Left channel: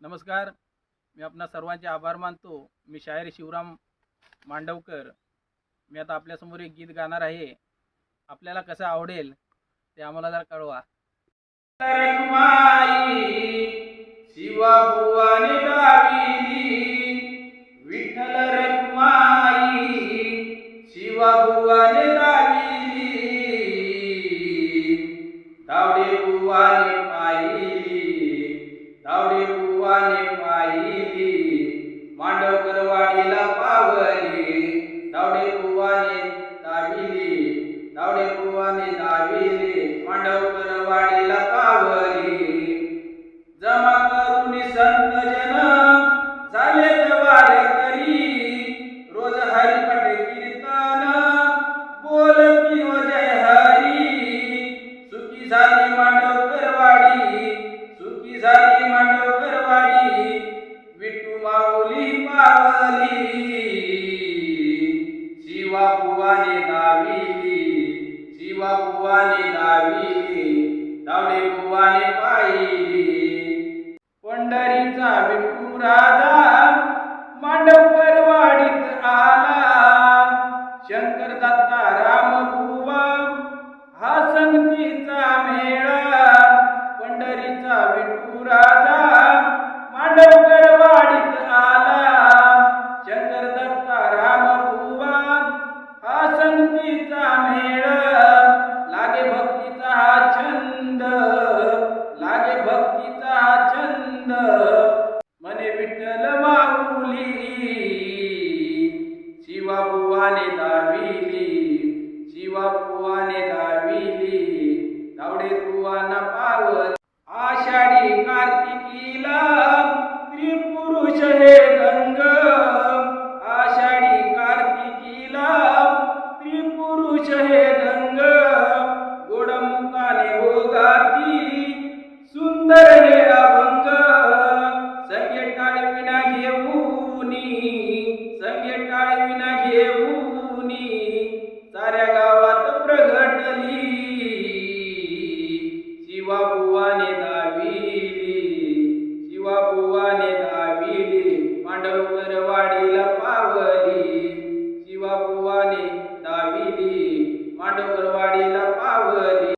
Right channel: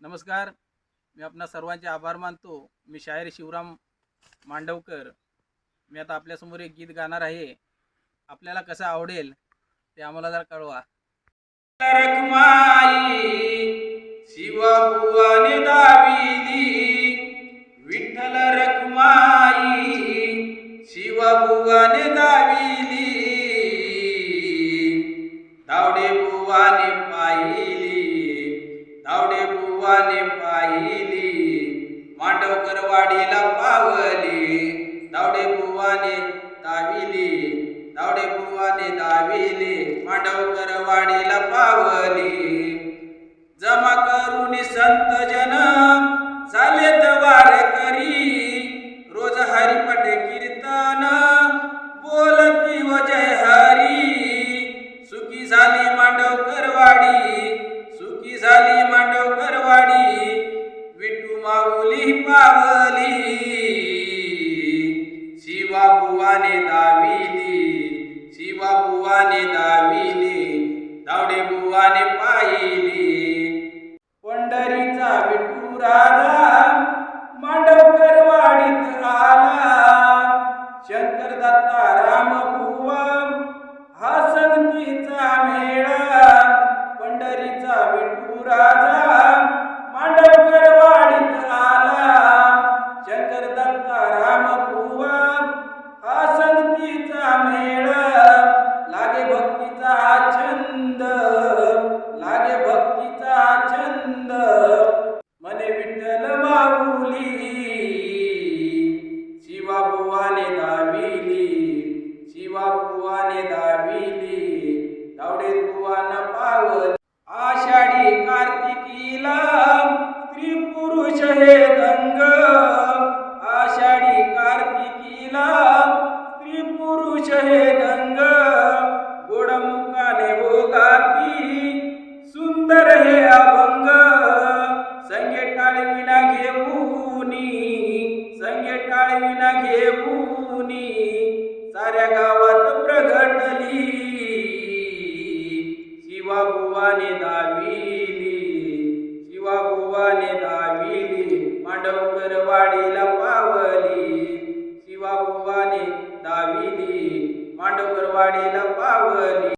नमस्कार. मी आपणा सर्वांचे आभार मानतो. मी शायर शिवराम मांडवकर. मी आता आपल्यासमोर एक गीत गाणार आहे. आपल्याला कसं आवडेल ते आम्हाला जरा कळवा. मांडवकर पावली. दावडे बुवाने दाविली. दावडे बुवाने दाविली. मांडवकर वाडीला पावली. जमा करून संत जन झाले तर वारकरी रोज हरिपट कीर्तन बोलती व जय हरी. सुखी झाली मांडवकरवाडी. सुखी झाली मांडवकरवाडी. विटू माऊली पा बुवाने दाविली दावडे बुवाने पाहिली. पंढरीचा विठू राजा मांडवकर वाडीत आला. शंकर दत्ता राम बुवा हा संगतीचा मेळा. पंढरीचा विठू राजा मांडवकर वाडीत आला. शंकर दत्ता राम छंद मने विठ्ठल माऊली शिवा बुवाने दाविली शिवा बुवाने दाविली दावडे बुवाना पावल आषाढी कार्तिकीला स्त्री पुरुष हे दंग आषाढी कार्तिकीला स्त्री पुरुष हे दंग गोडमुखाने ओगाती सुंदर कन्या साऱ्या गावात प्रगटली. शिवाबुवाने दाविली शिवाबुवाने दाविली मांडवकर वाडीला पावली. शिवाबुवाने दाविली मांडवकर वाडीला पावली.